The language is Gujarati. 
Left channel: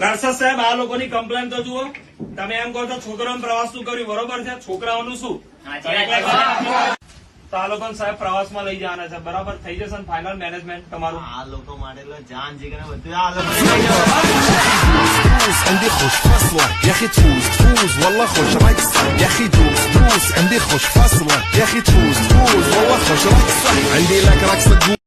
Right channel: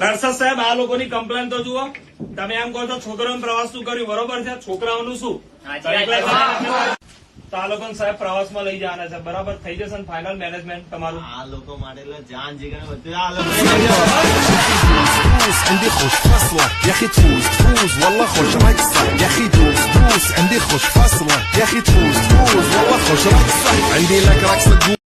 દર્શક સાહેબ આ લોકોની કમ્પ્લેન તો જુઓ. તમે એમ કહો છો છોકરાઓને પ્રવાસ શું કર્યું, બરોબર છે, છોકરાઓનું શું? તો આ લોકોને સાહેબ પ્રવાસમાં લઈ જવાના છે, બરાબર થઈ જશે ને ફાઇનલ મેનેજમેન્ટ તમારું? આ લોકો માટે જાન જીગર બધું عندي خوش فصلة يا اخي تفوز والله خوش رقصة يا اخي دوس عندي خوش فصلة يا اخي تفوز والله خوش رقصة عندي لك رقصة